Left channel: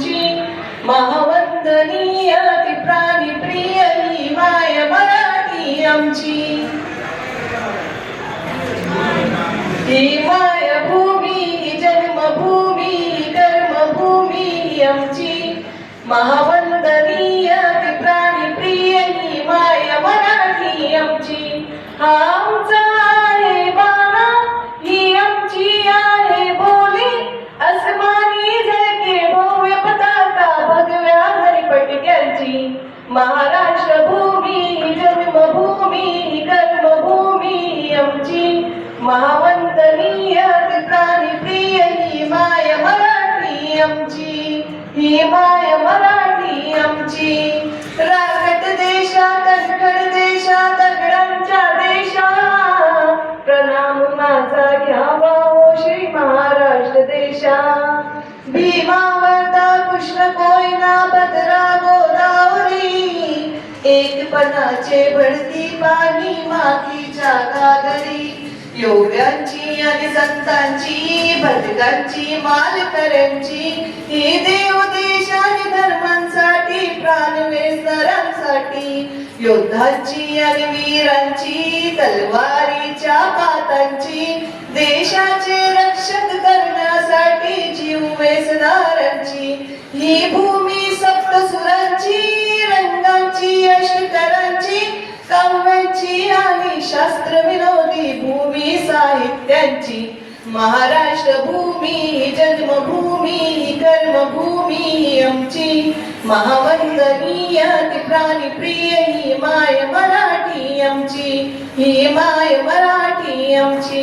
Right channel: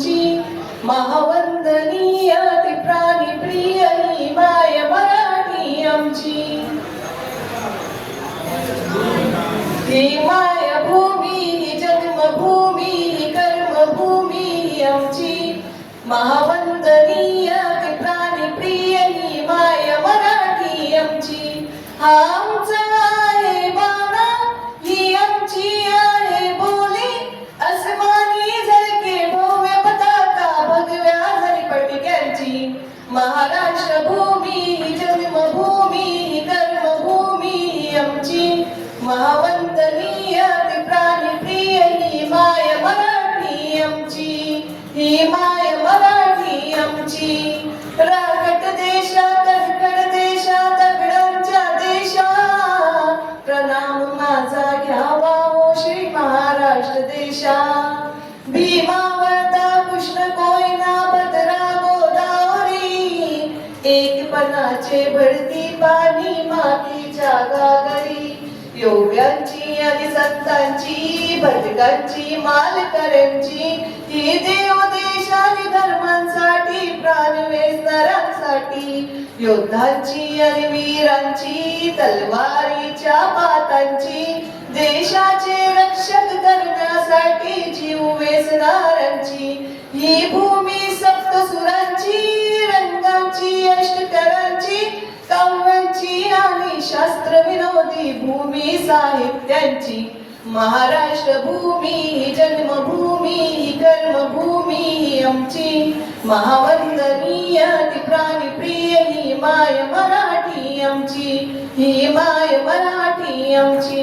आमची महावंदनीय ती प्राणीप्रिय ही माय मराठी आमची ही मायभूमी ही जन्मभूमी ही कर्मभूमी ही आमची महावंदनीय ती प्राणीप्रिय ही माय मराठी आमची हा आमचा आहे बाणा ही आमची आहे बोली अस्मानी झळके भव्य पताका भगव्या हरिपटक्यांची महाराष्ट्र भूमी जन्मभूमी कर्मभूमी आमची महावंदनीय ती प्राणीप्रिय ही माय मराठी आमची ही माय मराठी आमची राखट देशा कणखर देशा दगडांच्या देशा प्रणाम माझा घ्यावा हो श्री महाराष्ट्र देशा भीमा वर्धा कृष्ण कोयना भद्रा गोदावरी एकपणाचे भरती पाणी मातीच्या गागरी योग्यांची आणि संतांची भटकांची मालकऱ्यांची ही देव देश आणि धर्मांसाठी प्राण वेचणाऱ्यांसाठी योद्धांची आणि वीरांची तलवारीच्या पातांची देशाचे रक्षक करण्यासाठी जीव वेचणाऱ्यांची ही भूमी सप्तसुरांची रंगांची अष्टकरांची काव्यांची आणि शास्त्र विनोदी भूमी साहित्यांची महाराष्ट्र भूमी जन्मभूमी कर्मभूमी आमची महावंदनीय ती प्राणीप्रिय ही माय मराठी आमची ही माय मराठी आमची